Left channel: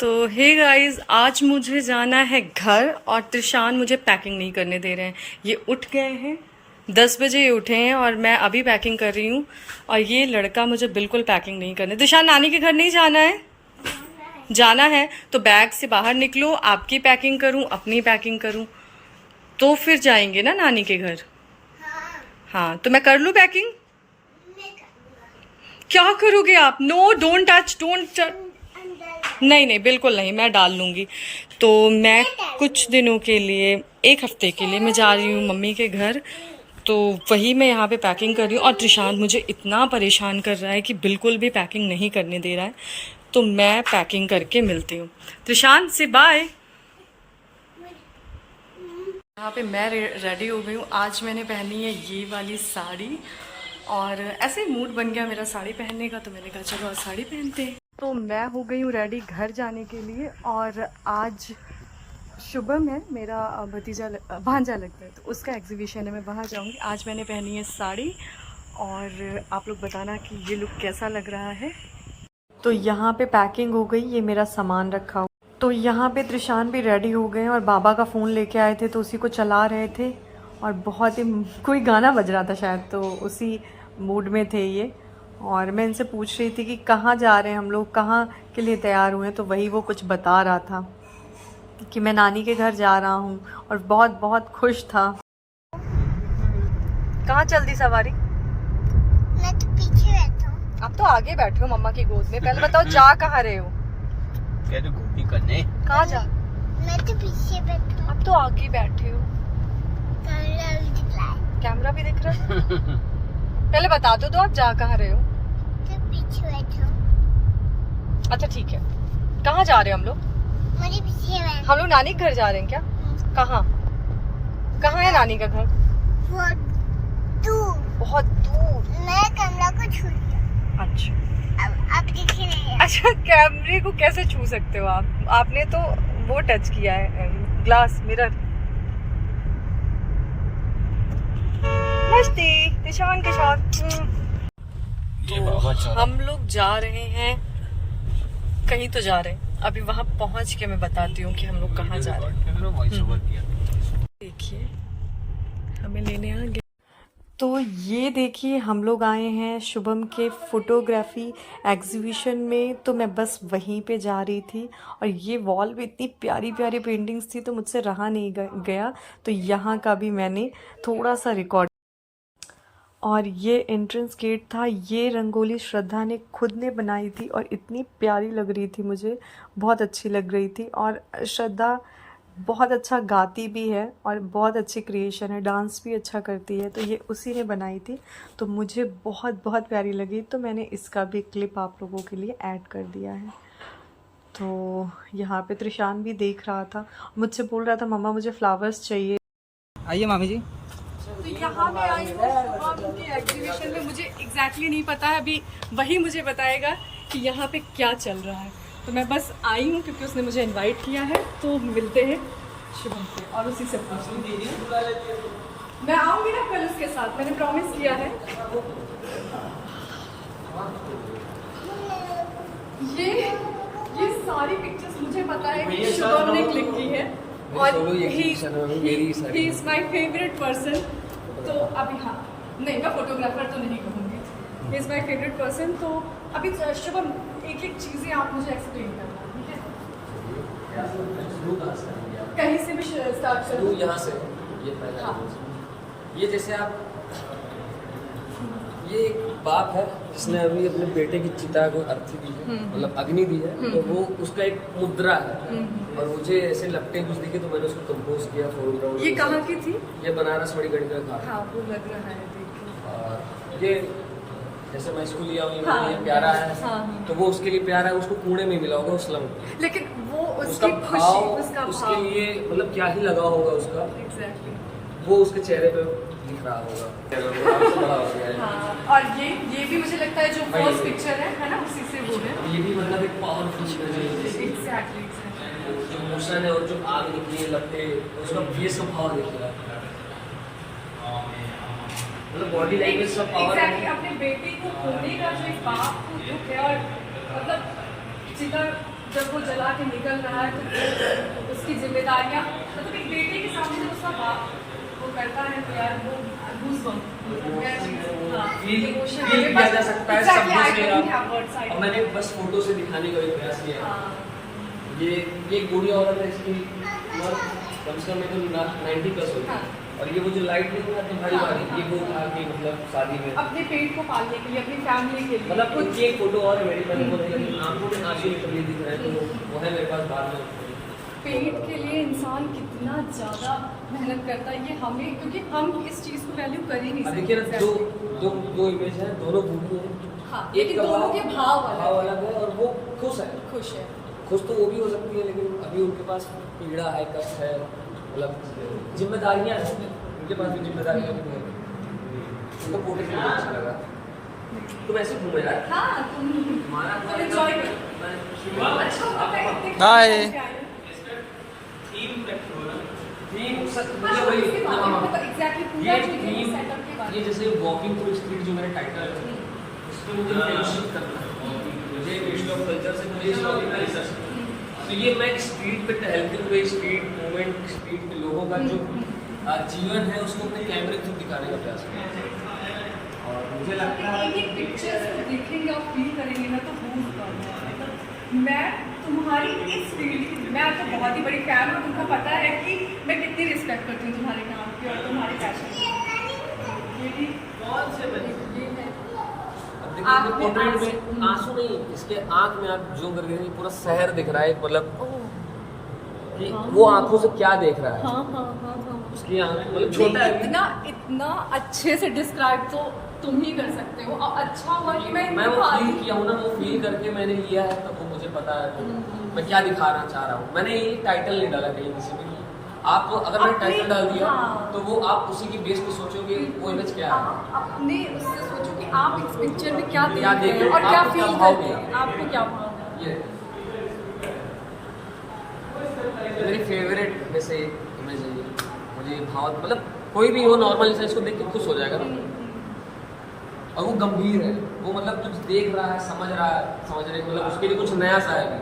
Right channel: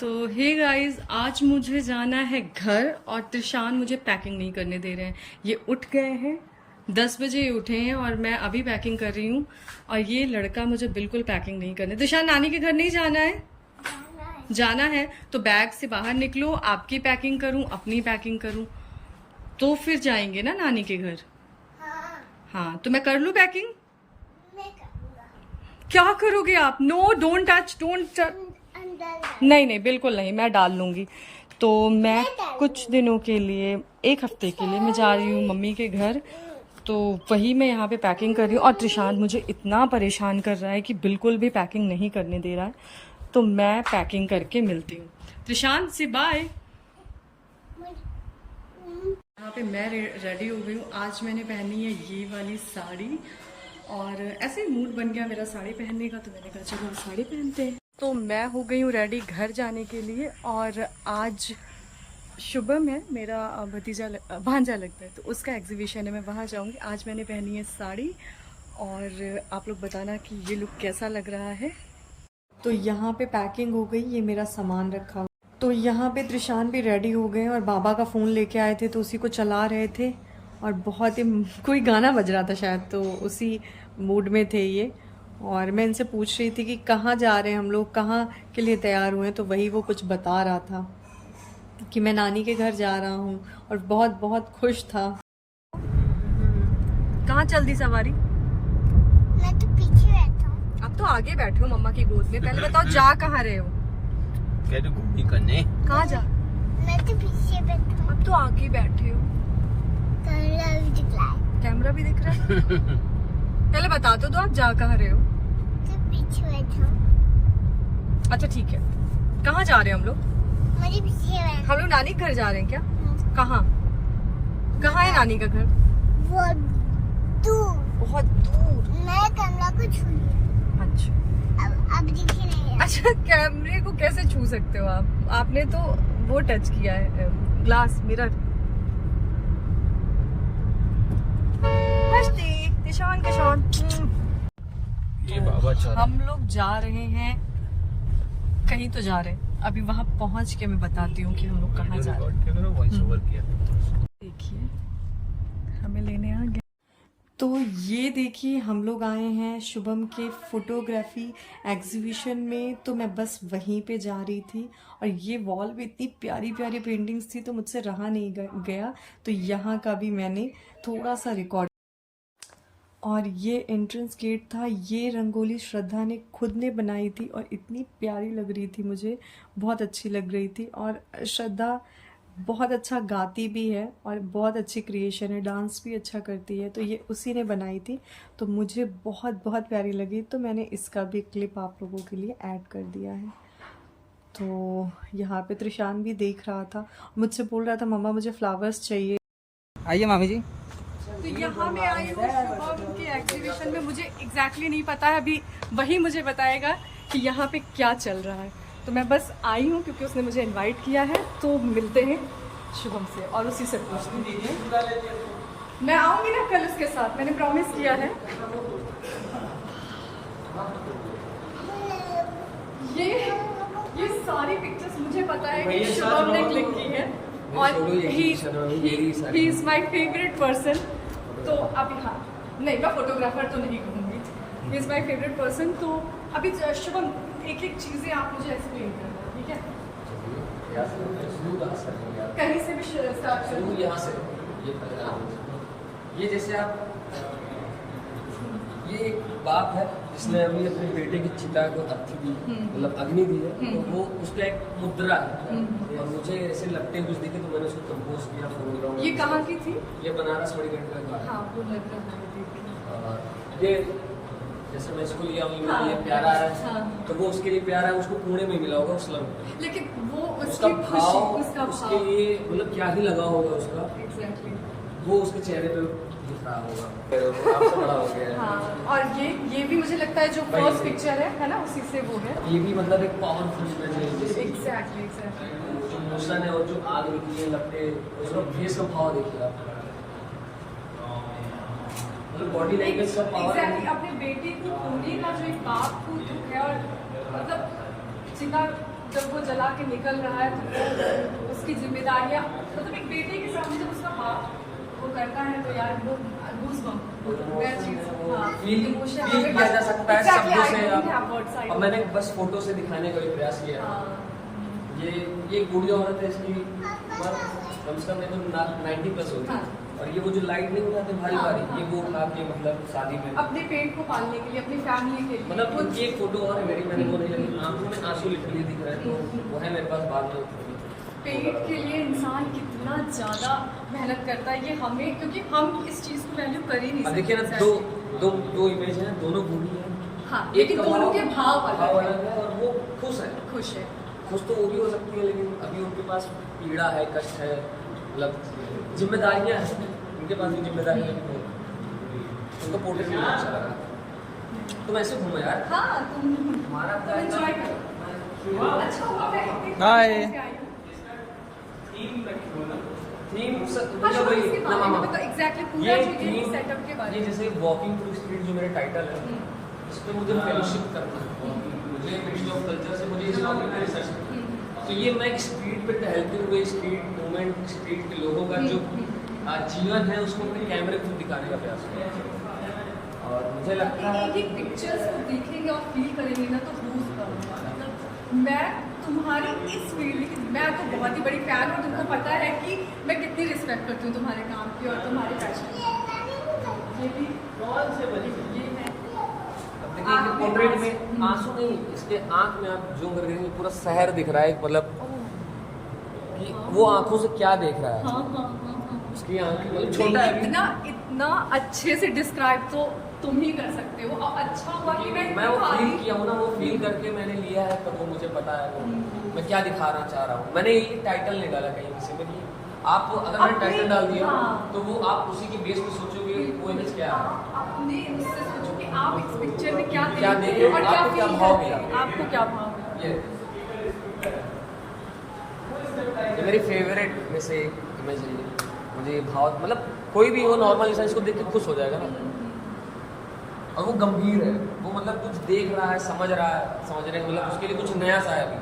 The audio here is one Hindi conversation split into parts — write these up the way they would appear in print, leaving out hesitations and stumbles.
तो हे गाइस, आज मुझे जाना है घर और त्रिशान मुझे पैकिंग नहीं करने दे रहे हैं। ये उठ गए हैं, 10 बजे ये उठे हैं और मैं अभी पैकिंग कर रही हूँ। और ये लड़का मुझे बिल्कुल पैकिंग नहीं करने। त्रिशान, नानी के घर नहीं जाना है? जाना है तो बैग से बाहर निकलो, आपकी पैकिंग करूँ अपनी पैकिंग करूँ, तो फिर जाएंगे ना नानी के घर। हाँ, तो मैं कर लूँ पैकिंग? क्या करोगे आप? No, don't touch, don't touch. नहीं नहीं, बिल्कुल नहीं, मैं डाल लूँगी। तो मैं कुछ दिनों के लिए, 1 हफ्ते के लिए मैं जा रही हूँ मम्मी के घर। तो वही मैं यहाँ पे पैकिंग कर रही हूँ। और त्रिशांत मुझे इतना परेशान कर रहा है कि बिल्कुल भी पैकिंग नहीं करने दे रहा है। तो मैं पैकिंग करके मिलती हूँ। त्रिशांत से बाय। यहाँ पे मैं रेडी हो गई हूँ। आज मैंने पहनी है ये वाली साड़ी, और ऐसे ही मूड बन गया मेरा साड़ी पहनने का, तो मैंने कहा चलो आज साड़ी पहनते हैं। तो मैं हो गई हूँ रेडी घर जाने के लिए। और आज शुभम है मेरा भांजा लगता है, तो उसका एग्जीबिशन है, मैं वहाँ जाऊँगी। आज मैंने पहनी है साड़ी, और आप लोग बताना कि ये लुक कैसा लग रहा है। तो यहाँ पे पैकिंग हो गई, ये मेरा सामान रखा हुआ। तो यहाँ पे त्रिशान भी रेडी हो गए और बाबा का फ़ोन लेके आए थे, तो उसी को चला रहे थे। और बहुत ही कोई गाना बज रहा था शायद, तो उसी मूड में थे ये। और मैं इनसे पूछ रही थी कि कहाँ जा रहे हैं हम लोग, कहाँ के लिए तैयार हुए हैं। तो वही वो कुछ बता रहा था कि मैं नानी के घर जा रहा हूँ, और बहुत बहुत खुश था। कहाँ चल दी सवारी? मैं तो पीछे बैठा हूँ। अब तो आगे बैठे हो मम्मा की गोद में। पहले बताओ जा कहाँ रहे हो? कहाँ जा? मैं तो पीछे बैठा हूँ। अब तो आगे बैठे हो। कैमरा भी दिख रहा है। कैमरा भी दिख रहा है। पहले बता दो आप जा कहाँ रहे हो? तो पीछे बैठा हूँ। अच्छा ठीक है। कहाँ जा रहे हो हम लोग? मेरे पीछे बैठा। हम लोग नानी के घर जा रहे हैं क्या? कहाँ कहाँ है नानी का घर? बहुत दूर। बहुत दूर। मैं कैमरा को छू लिया। अच्छा, अब दिख रहे हैं। अच्छा, कैमरे को कैसे छू सकते हो आप? आपने तो वो टच किया है, ग्लास मिरर। नमस्ते त्रिशान के साथ। तो हम लोग जा रहे हैं, कहीं तो जा रहे हैं। अभी वहां पहुंच के मैं बताती हूँ कि हम लोग कहाँ जा रहे हैं। देखिए हमें लेने आ गए। तो ये देखिए हम लोग आए हैं शुभम के फोटोग्राफी एग्जीबिशन में। तो मैं बस वहीं पे जा रही थी, और ये वॉल पे इतनी प्यारी प्यारी पेंटिंग्स थी, तो मुझसे रहा नहीं गया। तो यहाँ का भी मैंने थोड़ा सा रिकॉर्ड। और ये एंट्रेंस गेट था। ये रंगोली श्रद्धा ने खुद ने बनाई थी, और इतनी प्यारी लग रही थी, मुझे बहुत अच्छी लग रही थी। और श्रद्धा बहुत अच्छा गाती भी है, और बहुत अच्छी क्रिएशन है, डांस भी अच्छा करती है। तो ये उसी ने बनाई थी, तो मुझे बहुत बहुत प्यारी लगी। तो मैंने इसका भी क्लिप आप लोगों के लिए ऐड कर दिया है। तो यहाँ पे त्रिशान भी देख रहा था, मुझसे बोल रहा था मम्मा मुझे फ्लावर्स चाहिए। आइए मामी जी। तो यहाँ मैं आई हूँ शुभम के एग्जीबिशन में। मुझे एग्जैक्टली नहीं पता है, अभी वही मुझे बताएगा कि यहाँ पे क्या चल रहा है। तो मैं बस आई हूँ क्योंकि उसने मुझे इनवाइट किया है। तो मिलते हैं शुभम से, और उसी से पूछ लीजिए। मैं आऊँगी ना कल उसके साथ, मैंने प्रॉमिस किया है। ये सारी पिक्चर्स मुझे पता है कि शुभम ने क्लिक की है, और he is my favourite person. तो अभी हाँ, नहीं मैं फोटोग्राफर तो नहीं कहूँगी, he is my favourite person. तो अभी शुभम एक एक चीज़ें आप मुझे एक्सप्लेन करना है, ठीक है? कहीं से भी स्टार्ट करूँ? यहाँ से ये पहला। हाँ। ये जैसे आप, ये एक बाप है जिसने अभी अपने बेटे की चिता को अर्थी दी है, मतलब अग्नि दी है। तो वो उसका एक मुद्रा है, और मुझे ऐसे लगते कुछ दिखे, तो मैंने उसको कंपोज किया फोरग्राउंड। ये कहाँ की थी? ये बनारस बड़ी गढ़ का। हाँ, वो लग रहा है देख के। ये जैसे मैं इसको लिया हूँ, हाँ, ये प्यारा है। हाँ, तो वो उसके लिए प्यारा है, उसको पुणे में मिला होगा उस लंग। लेकिन वो उसका उसकी खुशी, भाव उसका उसके लिए मतलब क्या ही लगा होगा उसका। एग्जैक्टली वो उसके चेहरे पे दिख रहा होगा। हाँ, और ये भी मुझे लगता है जो फर्स्ट पिक्चर है ना, उसी से वो है। ये भी मतलब एक पावरफुल इमेज है। एग्जैक्टली जो मोशन है और जो आग निकली है लगते, उसका ये सब भाव देखिए आप, मतलब बॉडी लैंग्वेज सब पावर। एग्जैक्टली अपने बेटे को खोने का जो एक बाप को दुख है, और मतलब चिता जब वो जला के निकल रहा है तो वो उसकी जिम्मेदारियाँ, मतलब एक बेटे के सामने जब उसका बाप वो करता है तो यार वो फील किया जा सकता है शब्दों से। और मैंने बस फोटो से दिखाने का भी प्रयास किया। ये बूढ़ी औरत है, इसकी उम्र कम से कम 90+ होगी, और ये वो जो लाइट नहीं उठाती भारी भारी, ये वो उठा के मतलब शादी में अपने पेट को पालने के लिए, अपनी फैमिली के लिए, मतलब इनकी एक फोटो और मेरी बनी बोली, लेकिन आंखों में आंसू निकल दिख रहा है, तो वो है मेरे पास बाद में। पेट के लिए इंसान कितना ज़्यादा मेहनत करता है, ये हमें, क्योंकि हम इस चीज़ को वैल्यू कर ही नहीं सकते। देखिए ना, दो इमेज हैं, दोनों बूढ़ी हैं। हाँ, एक दोनों के भाव अलग है, और वो खुश है। खुश तो वो भी हो सकती है, लेकिन अभी उनके पास पीड़ा है, कष्ट है, मतलब जिम्मेदारियां हैं, उनके पास भी जिम्मेदारियां भी बहुत। उनका पोर्ट्रेट मुझे अच्छा लगा। तुम ऐसे घूमो यार। हाँ, तुम एंजॉय करो। अच्छा होता है। हाय। एग्जैक्टली पूरा जो ये सेटअप के बारे में, जैसे वॉकिंग थ्रू स्ट्रीट जो मेरा टाइटल है, उसमें मुझे फेलोशिप करना है, मुझे हिस्ट्री ऑफ कल्चर से मुझे रिसर्च, तो ये मैं स्ट्रीट पे टहलते हुए स्ट्रीट मूवमेंट, स्ट्रीट के लोगों का जो जीवन है उसको अपने कैमरे थ्रू दिखाने का प्रयास किया। और मुझे लगता है कि पिक्चर्स को देखेंगे और फील करेंगे ना तो मतलब मैं तुम्हारी इस फील्ड की, मैं तो बहुत ही बड़ी फैन हूँ, तुमको पता है कि मैं कितनी रिस्पेक्ट करती हूँ तुम्हारे काम की और तुम्हारे पैशन की। ये भी बहुत से बड़ी ये है। अब देखिए पोर्ट्रेट में आंसू नहीं, इसके आंख में आप जूम करके देखेंगे पूरा शहर दिख रहा है, मतलब कि वो आंखों से क्या देख रहा है। हाँ। उसकी आंख मतलब छोटा है। इतना अच्छे से डिस्क्राइब तो तुम ही कर सकते हो। अच्छा हुआ कि मैं वो फील किया हूँ ना, वो फील करके मैंने लिया है, तब तो मुझे पता है मैं क्या दिखाना चाह रहा हूँ। मैंने ये टाइटल नहीं डाला कहीं किसी में, आप अगर मैंने टाइटल डाल दिया तो वो आप उसी के बेस पे सोचोगे वो इमेज क्या है। अपने उससे सोचो कि आप इस पिक्चर में क्या देख रहे हैं और क्या फील करते हैं, आपको क्या भाव है। ये मेरी फेवरेट वैसे इमेज है, मुझे भाव मतलब कोई भी हो नॉर्मल इंसान इसको देख के खुश हो जाएगा ना। और वो गंभीर है, वो मतलब कुछ देख रहा है, समझ रहे मतलब उसके लिए कुछ नया सा है ना।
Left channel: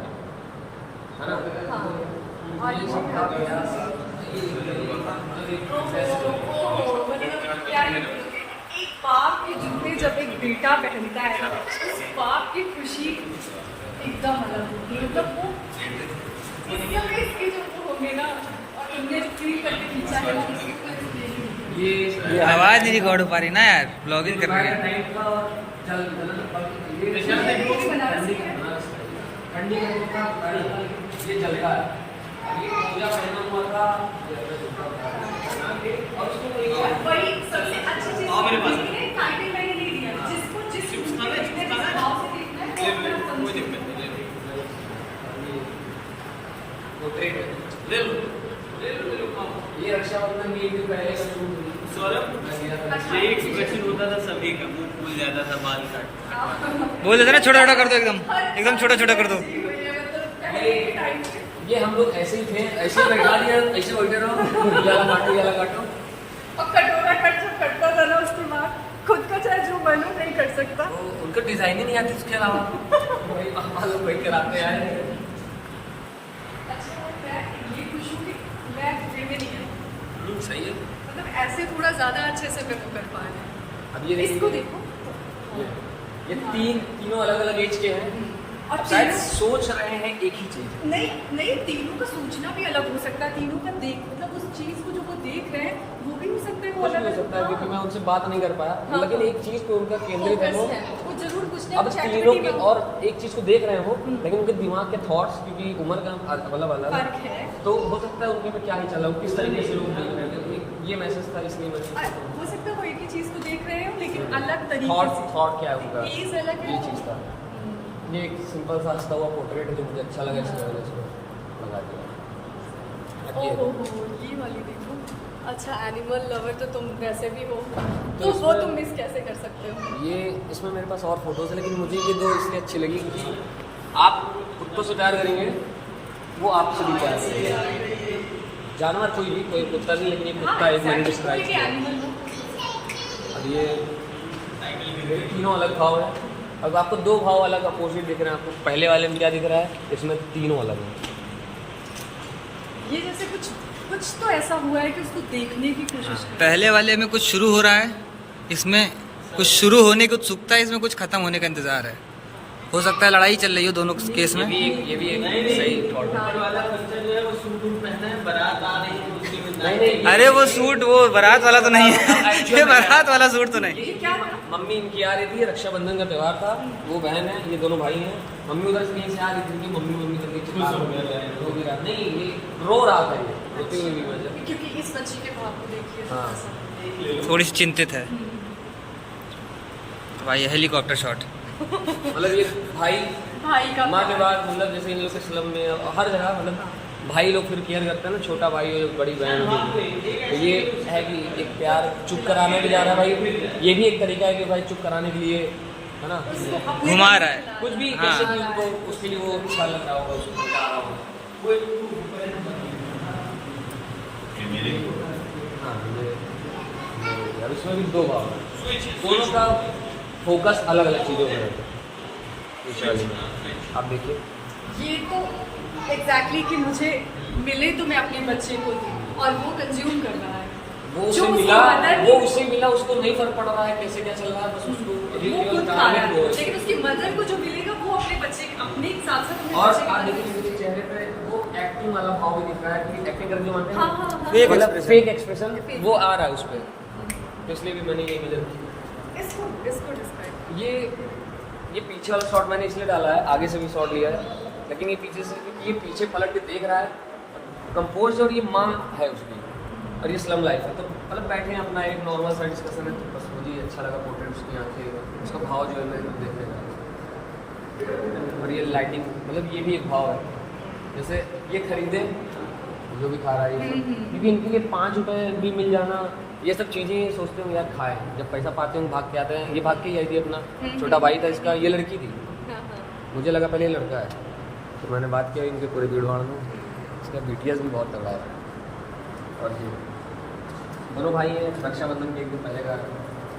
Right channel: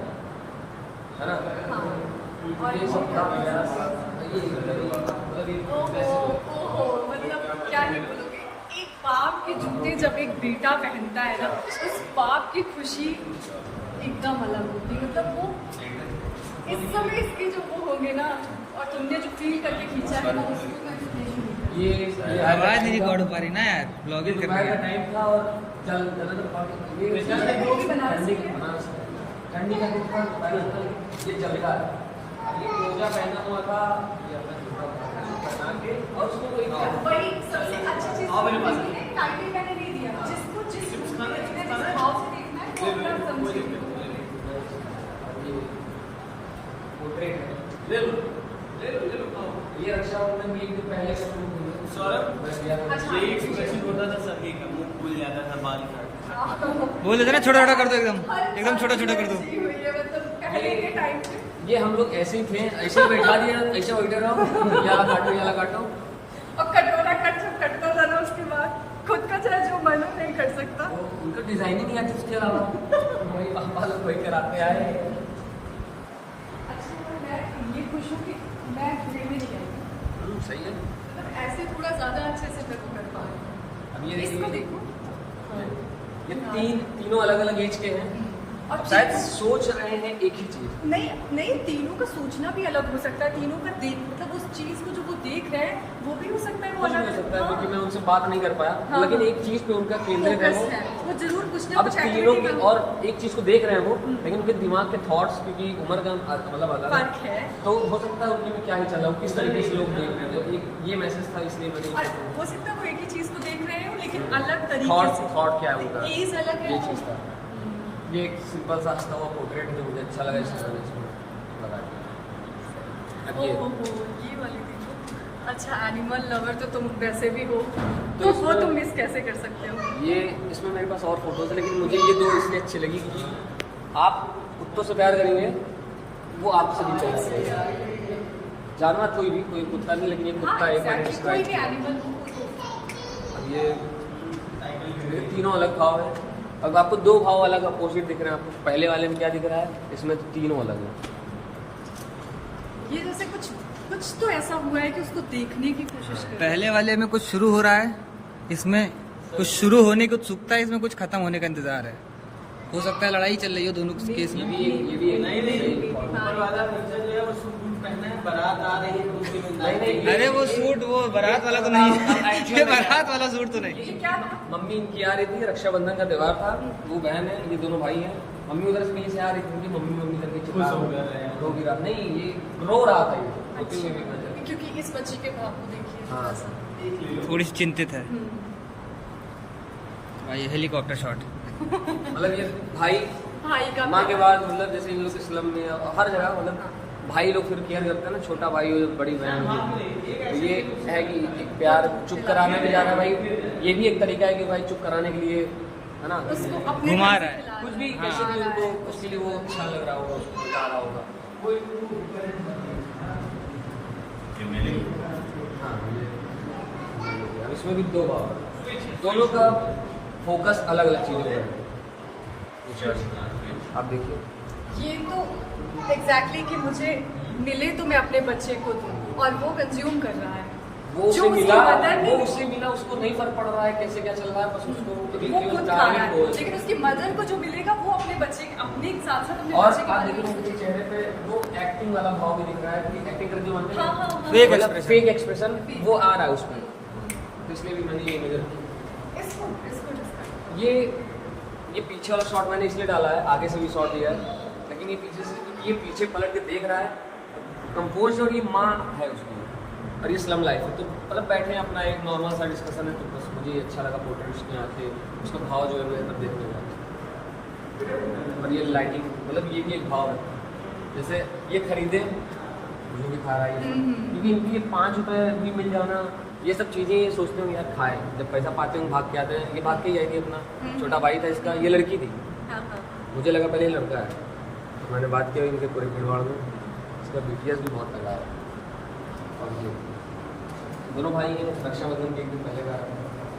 और ये सब क्या ही बोलोगे, एक बाप के जूते जब एक बेटा पहनता है ना, उस बाप की खुशी एकदम अलग होती है। मतलब वो इस समय इसके जो वो होंगे ना, और तुमने जो फील करके खींचा है ना, उसको ये आवाज नहीं रिकॉर्ड हो पा रही ना यार, ब्लॉगिंग कर रहे हैं। ठंडी का ये जलका है, ये मोजा पहना हुआ था और उसको बड़ी सबसे अच्छी चीज टाइटल मैंने नहीं दिया, जिसको जिस भाव से देखना है वो अपना समझ। ले लो ये रक्षाबंधन की भी पहले शुरू हुई। ये एक एक्सप्रेशन होता था सभी का, मुंह खुल जाता था, बाल काट बोल देते ना छोटा छोटा कर दो, एकदम छोटा छोटा कर दो। ये हम लोग ऐसे ही थे, ऐसे बैठा दिया, ऐसे बैठे रहो, याला काटो और कटोरा कटता था ना, उसके बाद खुद का चाहे जो मन नहीं कर सकता। उनको डिजाइन ही नहीं आती, उसके अलावा वही पापा लोग वही कराते आए। अच्छा मैं ये खुश हूँ कि मैं पूरे में नहीं आई, सही है, मतलब ऐसे थोड़ा ज्यादा अच्छे से मैं कर पा रही हूँ। अब ये इसको देखो, ये तीनों अलग अलग एज के हैं और शायद सोच रहे हैं एक ही चीज। नहीं, तीनों का सोचना भी अलग हो सकता है, तीनों का देख मतलब उस चीज को जो वो देख रहे हैं वो भी हो सकता है, वो अलग हो सकता है, क्योंकि मैं उनसे बात नहीं कर पाया, लेकिन एक चीज पे उनका केंद्रित है वो जरूर कुछ ना अब कुछ तीनों activity की में और एक चीज को देख रहे हैं वो, लेकिन उनके दिमाग के थॉट्स क्योंकि उम्र का मतलब अलग फर्क है, तो हो सकता है उनके में क्या ही चला हो, किस तरीके से लोग देख रहे हैं। तो एक ये मैसेज था, इसलिए मैंने और हो सकता है वो एक ही चीज को देख रहे हो लेकिन अलग तरीके से, थॉट क्या है उनका, एज अलग है। ये चीज था। ये एक सिंपल सा हंसता हुआ पोर्ट्रेट है जो मुझे अच्छा लगा, इसलिए मैंने इसको लगा दिया। ओहो ये वाली देखो। अच्छा एनिमल लवर तो तुम वैसे भी हो, तो वो तुम मिस कैसे कर सकते हो। ये इसमें मेरे पास और फोटोज है, लेकिन मुझे ये दो इसलिए अच्छी लगी क्योंकि आप कुत्तों से प्यार करेंगे, वो आपसे भी प्यार करेंगे। जानवर कोई कुत्ता नहीं, लेकिन कुत्ता एक कोई भी एनिमल हो। ये तीनों अलग भाव है, अब आपको दो भाव अलग अपोजिट दिख रहे हैं। आपको पहले वाले में क्या दिख रहा है, इसमें तीनों अलग है। ये जैसे कुछ तो ऐसा हुआ है कि उसको देखने की कोशिश कर। पहले वाले में कुछ शुरू हो रहा है, इसमें कुछ शुरू होने की उत्सुकता है, इसमें कुछ खत्म होने का इंतजार है। हो सकता है लड़ाई चल रही हो दोनों केस में। ये भी एक सही थॉट है। ऊपर वाला बच्चा जो है वो सूट वूट पहना है, बारात आ रही है, दूसरी में नहीं, अरे वो सूट वो बारात वाला तो नहीं है। ये बारात वाला सूट तो नहीं। मम्मी इनकी आ रही थी, रक्षाबंधन का त्योहार था, वो बहन है, ये दोनों भाई हैं। मम्मी उधर से कहीं से आ रही थी, क्योंकि मम्मी करके चिल्ला रो भी रहा, नहीं ये रो रहा था ये, क्योंकि इस बच्चे के भाव को देखिए हाँ। थोड़ी सी चिंतित है भाई। Helicopter shot. मतलब ये भाई का माँ के बाद, मतलब जैसे इन लोग के स्लम में और हर जगह, मतलब भाई लोग फिर केयर करते हैं ना, छोटा भाई हो बड़ी बहन हो, तो ये है कि एक प्यार चुप कराने के जाना भाई, ये भी एक तरीका है कि भाई चुप कराने के लिए, है ना, घुमा रहा है। कुछ भी हाँ। जैसे कि उनको उसके लिए वो अच्छा लग रहा होगा, उसको मजा आ रहा होगा। हाँ, और इसमें भी दो भाव है, दोनों का फोकस अलग अलग चीज़ों पर है। आप देखिए ये तो एग्जैक्टली कि मुझे मिले तो मैं अपने बच्चे को दूं, और वो कंज्यूम कर रहा है। वो जो उसे उसको मिला, पता नहीं- वो उससे मिला, उसको नहीं फर्क पड़ रहा है कैसे क्या चल रहा है, बस उसको वो खुद खा रहा है, वो है। लेकिन उसकी मदर को जो मिलेगा वो अपने बच्चे अपने साथ साथ अपने और बच्चे के आप बारे में देखिए मेरे चेहरे पे वो एक्टिंग वाला भाव भी दिख रहा है, कि एक्टिंग करके मन हाँ, हाँ, हाँ। Fake fake expression। एक्सप्रेशन वो आ रहा है उस पर, तो इसलिए भी मैंने ये इधर इसको respect। ये पीछे वाला शॉट मैंने इसलिए डाला है, आगे से भी शॉट लिया है, लेकिन ये पीछे से, ये पीछे पलट के देख रहा है कंपोज, और ये माँ है उसमें, और ये स्लम लाइफ है। तो मतलब बैठे हैं अपना एक नॉर्मल सा डिस्कशन है, तो बस मुझे अच्छा लगा पोर्ट्रेट, उसकी आंखें, उसका भाव जो है मेरे तब देखने का, और ये लाइटिंग, मतलब ये भी एक भाव है। जैसे ये खरीदे जो भी खा रहा है ये सब, क्योंकि इनके लिए 5 रुपये भी मिल जाना, ये सब चीज़ें ये सोचते हो यार खाए, जब पैसा पाते हैं भाग के आते हैं। ये भाग के ही आई थी, अपना छोटा भाई था इसका, ये लड़की थी, मुझे लगा पहले ये लड़का है, तो मैंने बात की इनके पूरे भीड़ भाड़ में, इसका BTS भी बहुत तगड़ा है। और ये दोनों भाई हैं, रक्षाबंधन के एक दिन पहले का है।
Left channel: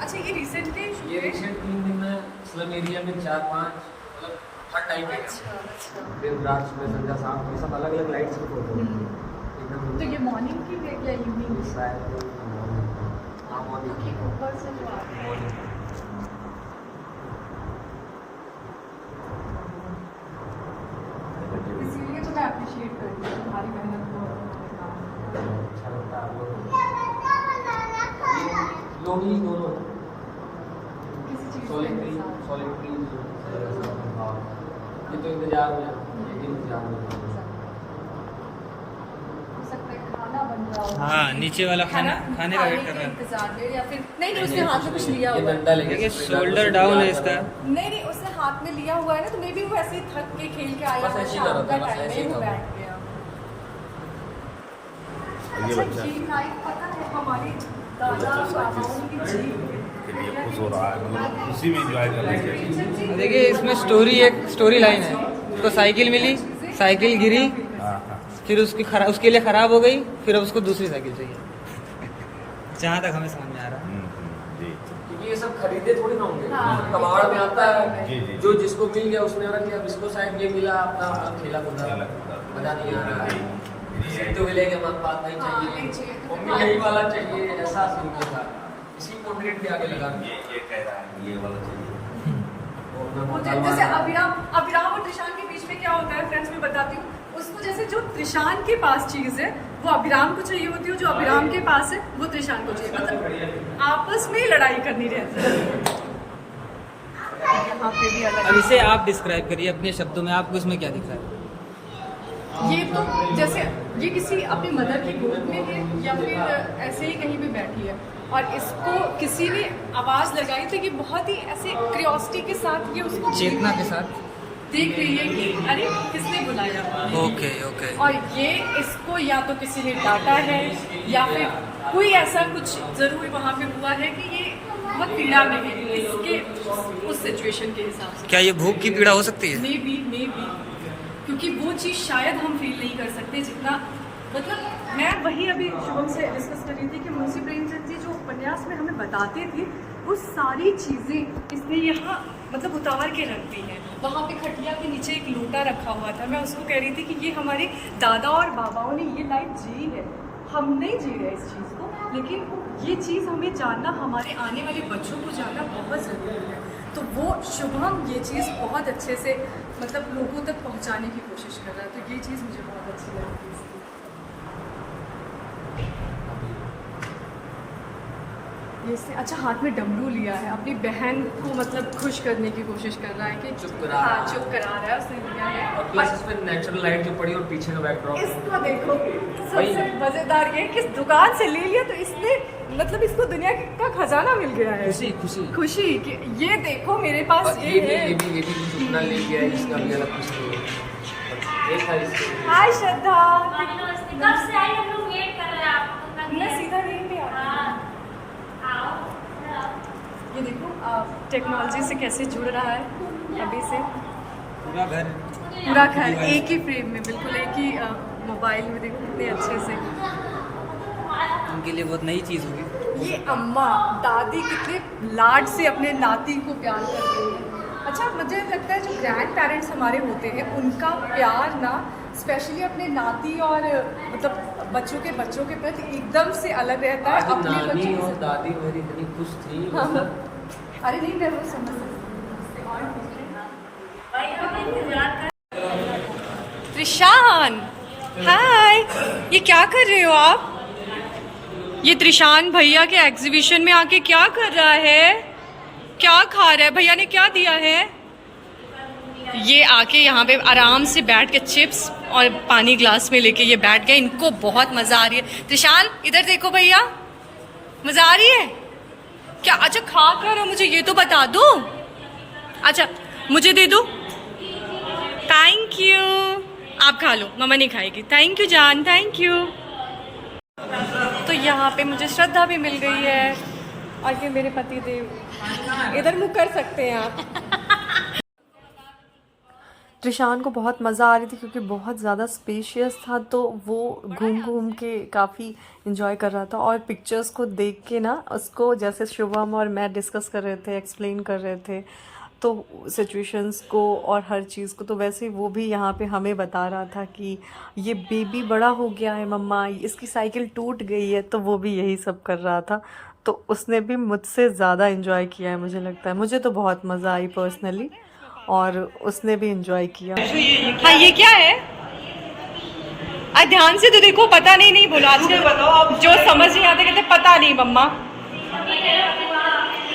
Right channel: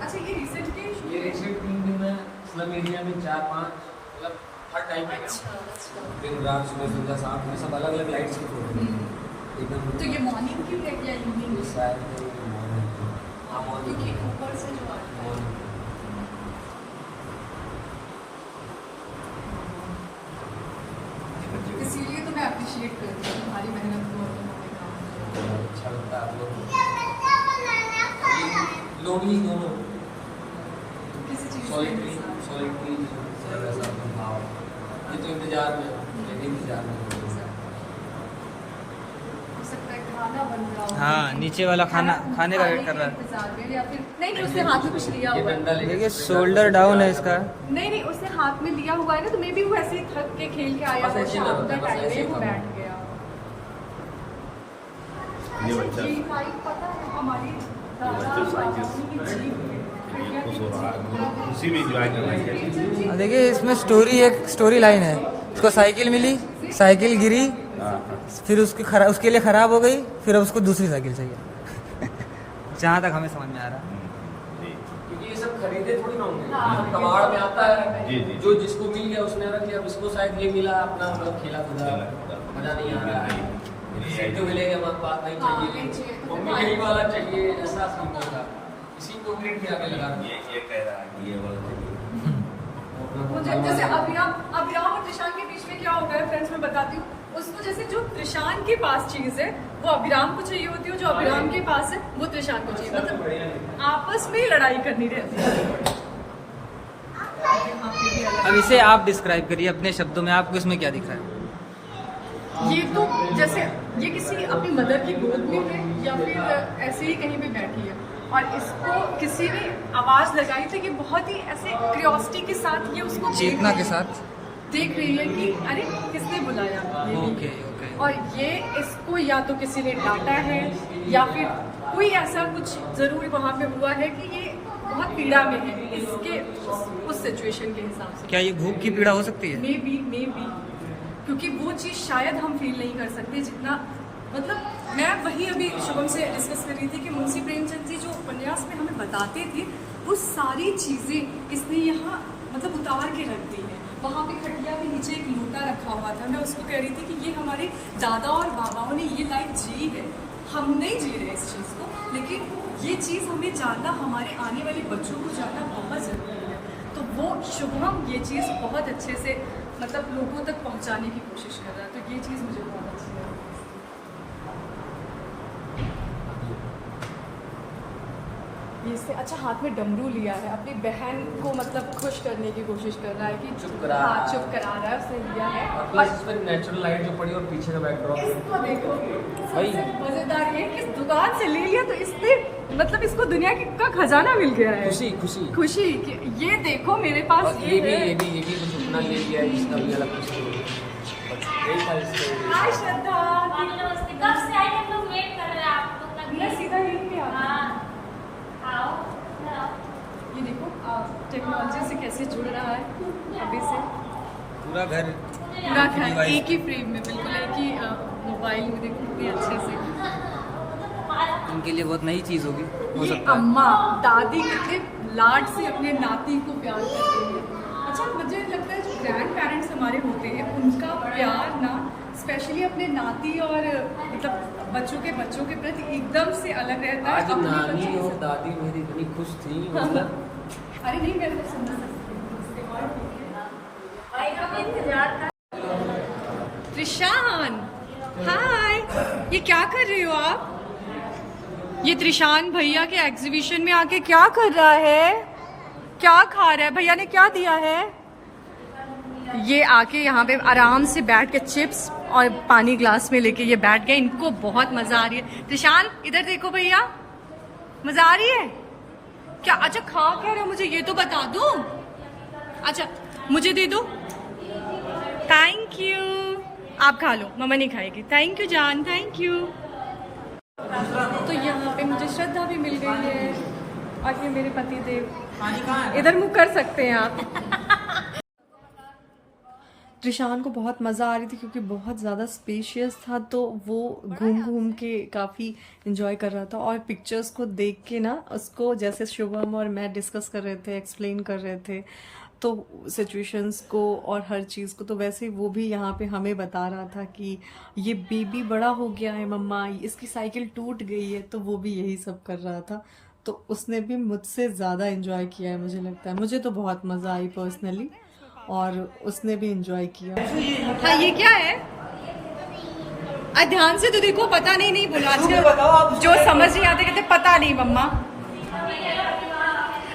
अच्छा, ये रिसेंटली ये रिसेंट 3 दिन में स्लम एरिया में 4-5, मतलब हर टाइम पे दिन रात सुबह संध्या शाम, ये सब अलग अलग लाइट्स की फोटो एकदम। तो ये मॉर्निंग की है या इवनिंग? शायद क्योंकि ऊपर से जो आ रहा है, इसीलिए तो मैं अप्रिशिएट करती हूँ तुम्हारी मेहनत को। अच्छा लगता है आप लोग लोग ही दोनों किसी चीज़ सॉलिटरी में सॉलिटरी भाव, ये तो इंतजार में, ये भी इंतजार में। हो सकता है खाना बन रहा हो। हाँ, नीचे वाला खाने का वेट कर रहा है। इंतजार में, या फिर नहीं उसने हाथ में कुछ लिया ये हुआ है। डंडा लेके देखिए शोल्डर डाउन है इसका। नहीं उसने हाथ में लिया हुआ है ना, तो मे भी वो ऐसे ही थक के खेल के आया बस हो, ऐसे ही शाम करता का है, बस टाइम ऐसे है, ही वो करता है। बैठ गया। अच्छा, ये लाइफ पता है हमारी दादा बाबाओं की जीव उसी में एंजॉय करने के लिए। देखिए इसमें एक स्टोरी लाइन है। उसको साइकिल मिली, साइकिल गिरी, फिर उसके लिए खराब हो गई, फिर अब उसको दूसरी साइकिल चाहिए। जहाँ तक हमें समझ में आ रहा है। जी क्योंकि ये सब खरीदे थोड़ी ना होंगे, हाँ, कबाड़ में आता है, जी, जी। जो जिसको मिल गया उसने रख लिया, अब इसको शायद ये मिला, अपना मतलब खेला कूदा, मजा नहीं आ रहा है, तो मिलेगा माँ बाप नहीं हाँ, नहीं चाहिए, चाहिए, तो मम्मी फिर यही वाला चाहिए, ऐसा सीन कर रहा है। इसी पोर्ट्रेट के आगे लगा ये कह रहा है कि ये वाला चाहिए। जैसे अभिराम और त्रिशान के बीच में क्या होता है फ्रेंड्स, मैं बताती हूँ। उसको जैसे जो त्रिशान के पास चीज है वो अभिराम को चाहिए होती है, जो अभिराम के पास है वो त्रिशान को चाहिए, मतलब आपस में ही लड़ाई करनी रहती है। यहाँ पे भी अलग अब इसे आप डिस्क्राइब करिए अपने शब्दों में, आपको इसमें क्या दिख रहा है? ये तो जैसे ये किसी अपनी मदर की गोद में है, या फिर ऐसे ही कहीं भी बैठी है, और इसको किसी ने आवाज लगाई तो ये बहुत ही ऐसे क्यूरियोसिटी के साथ ये उसको चेतना के साथ। देख रही है कि अरे किसने बुलाया। Okay okay. और ये इसको या तो किसी ने डांटा है, या फिर कोई ऐसा कुछ जरूर वहाँ पे हुआ है कि ये बहुत पीड़ा में है इसके उस सिचुएशन के हिसाब से। क्या ये भूख की पीड़ा हो सकती है? मे बी क्योंकि वो चीज़ शायद हम फील नहीं कर सकते जितना, मतलब मैं वही अभी शुभम से डिस्कस कर रही थी कि मुंशी प्रेमचंद जी जो उपन्यास में हमें बताते थे वो सारी चीज़ें इसने यहाँ मतलब उतार के रख दी हैं। वहाँ पे खटिया के नीचे एक लोटा रखा हुआ था, मैं उसको कह रही थी कि ये हमारे दादा और बाबाओं ने ये लाइफ जी है, हम नहीं जी रहे इस चीज़ को, लेकिन ये चीज़ हमें जानना, हमारे आने वाले बच्चों को जानना बहुत ज़रूरी है। तो वो शुभम ये चीज़ बहुत अच्छे से मतलब लोगों तक पहुँचाने की कोशिश कर रहा है, तो ये चीज़ मुझे बहुत अच्छी लगी। ये इसने अच्छा हाथ में डमरू लिया है, अपनी बहन को मतलब खुश करने की कोशिश कर रहा है कि चुप करा रहा है। चुप करा रहा है, उसने लिया है। और प्लस इसमें नेचुरल लाइट जो पड़ी और पीछे का बैकड्रॉप इसको देखो, सबसे मजेदार ये कि इस दुकान से ले लिया तो इसने मतलब इसको दुनिया का खजाना मिल गया है। खुशी खुशी खुशी कि ये देखो मेरे पास और ये है। ये भी कुछ इतना ले गया है जिसका भी अलग खुशी है। एक था इसके हाय श्रद्धा, कब से आई हम लोग वेट कर रहे हैं आपको। मैं सीधा यहीं पे आ ये देखो टेक्नोलॉजी से कैसे जुड़ रहा है अभी से। पूरा घर पूरा घर एक ही फ्रेम में, बिल्कुल एक ही मोबाइल में, देखो कितने अच्छे से। उनके लिए बहुत नई चीज़ होगी, हो ये सकता है। अम्मा दादी कितने लाड से अपने नाती को प्यार करते हैं। अच्छा मुझे लगता है जो ग्रैंड पेरेंट्स हमारे होते हैं उनका प्यार ना स्पेशली अपने नाती और मतलब बच्चों के प्रति एकदम से अलग रहता है अपने नानी बच्चों और से। दादी मेरी इतनी खुश थी। अरे नहीं मैं वो समझ सकती हूँ। त्रिशान हाय, ये क्या कर रहे हो आप? ये त्रिशान भैया के एग्जीबिशन में आके क्या कर रहा है, क्या खा रहा है? भैया ने क्या दिया है? ये आके यहाँ पे आराम से बैठ के चिप्स और पानी ग्लास में लेके ये बैठ गए, इनको बहुत मजा आ रही है। त्रिशान इधर देखो भैया, मजा आ रही है क्या? अच्छा खा क्या रहे हो, मुझे ये तो बता दो। अच्छा मुझे दे दो, थैंक यू। आप खा लो, मम्मा नहीं खाएगी। थैंक यू जान, थैंक यू। तो यहाँ पे मुझे श्रद्धा भी मिल गई है और ये मेरे पति देव। इधर मुँह कर सकते हैं आप। त्रिशान को बहुत मज़ा आ रही थी क्योंकि बहुत ज़्यादा स्पेशियस था, तो वो घूम घूम के काफ़ी इन्जॉय कर रहा था। और पिक्चर्स को देख के ना उसको, जैसे शुभम और मैं डिस्कस कर रहे थे, एक्सप्लेन कर रहे थे तो सिचुएशंस को और हर चीज़ को, तो वैसे वो भी यहाँ पे हमें बता रहा था कि ये बेबी बड़ा हो गया है मम्मा, इसकी साइकिल टूट गई है, तो वो भी यही सब कर रहा था। तो उसने भी मुझसे ज़्यादा इन्जॉय किया है मुझे लगता है। मुझे तो बहुत मज़ा आई पर्सनली और उसने भी इन्जॉय किया। हाँ ये क्या है? ध्यान से तो देखो, पता नहीं बोलो। आजकल जो समझ नहीं आते कहते पता नहीं मम्मा।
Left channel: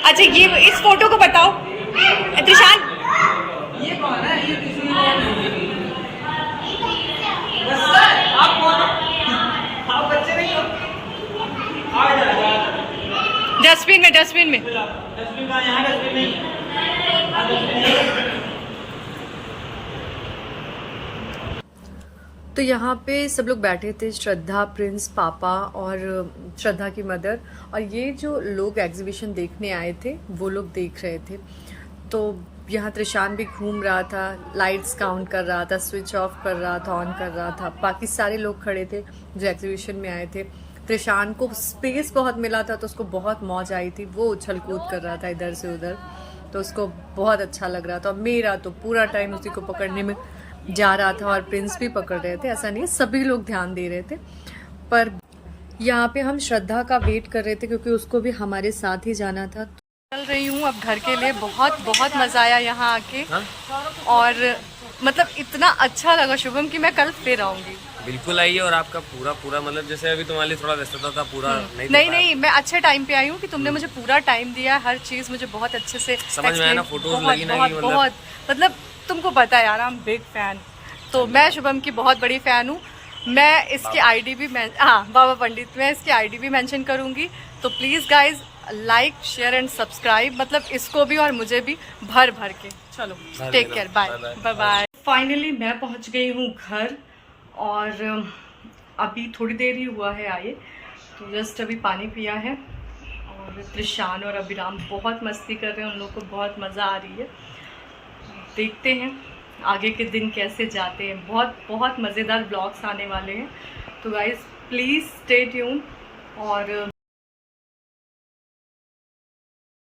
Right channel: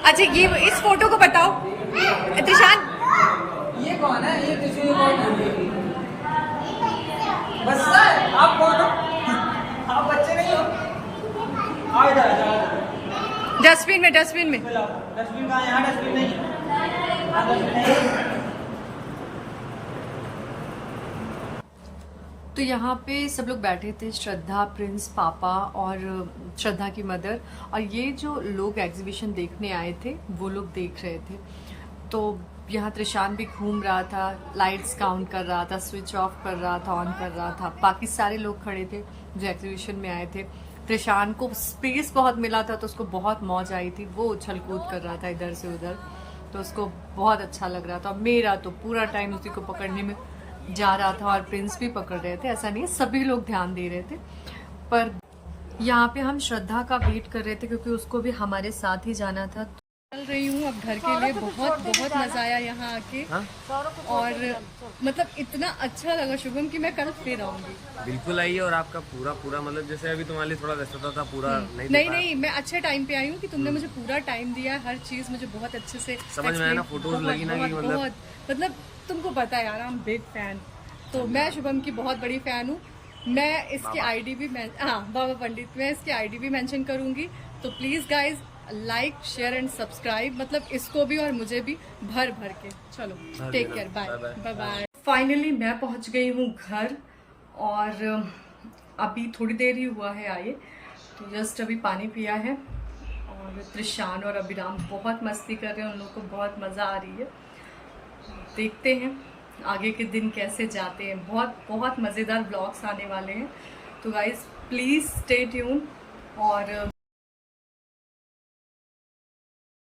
अच्छा ये इस फोटो को बताओ त्रिशान। ये कौन है? ये किसी कौन है? बस आप कौन है? आप बच्चे नहीं हो? आओ इधर आओ। डस्टबिन में डस्टबिन का यहाँ डस्टबिन नहीं। हाँ डस्टबिन नहीं। तो यहाँ पे सब लोग बैठे थे, श्रद्धा, प्रिंस, पापा और श्रद्धा की मदर, और ये जो लोग एग्जीबिशन देखने आए थे वो लोग देख रहे थे। तो यहाँ त्रिशान भी घूम रहा था, लाइट्स काउंट कर रहा था, स्विच ऑफ कर रहा था, ऑन कर रहा था। बाकी सारे लोग खड़े थे जो एग्जीबिशन में आए थे। त्रिशान को स्पेस बहुत मिला था तो उसको बहुत मौज आई थी, वो उछल कूद कर रहा था इधर से उधर, तो उसको बहुत अच्छा लग रहा था। और मेरा तो पूरा टाइम उसी को पकड़ने में जा रहा था और प्रिंस भी पकड़ रहे थे, ऐसा नहीं सभी लोग ध्यान दे रहे थे। पर यहाँ पे हम श्रद्धा का वेट कर रहे थे क्योंकि उसको भी हमारे साथ ही जाना था। तो चल रही हूँ अब घर के लिए। बहुत मज़ा आया यहाँ आके। और मतलब इतना अच्छा लगा शुभम कि मैं कल फिर आऊँगी। बिल्कुल आइए। और आपका पूरा मतलब जैसे अभी तुम्हारे लिए थोड़ा व्यस्तता था, पूरा नहीं मैं अच्छे टाइम पे आई हूँ कि तुमने मुझे पूरा टाइम दिया, हर चीज़ मुझे बहुत अच्छे से समझ में आया ना, फोटोज लगी ना, बहुत मतलब तुमको पता है यार, आई एम बिग फैन। तो मैं शुभम की बहुत बड़ी फ़ैन हूँ। मैं इसकी आईडी भी बाबा पंडित, मैं इसकी आईडी भी मेंशन करूँगी। तो please guys like, share and subscribe, मतलब इसको भी और मुझे भी भर के। चलो take care, bye bye. Finally मैं पहुँच गई हूँ घर और अभी थोड़ी देर ही हुआ है आए, तो जस्ट अभी पानी पिया है। और त्रिशान और अभिराम बहुत मस्ती कर रहे हैं, उन लोगों को बहुत मज़ा आ रही है। देखते हैं आगे के दिन कैसे जाते हैं। बहुत मज़ेदार ब्लॉग्स आने वाले हैं। तो गाइज़ प्लीज़ स्टे ट्यून और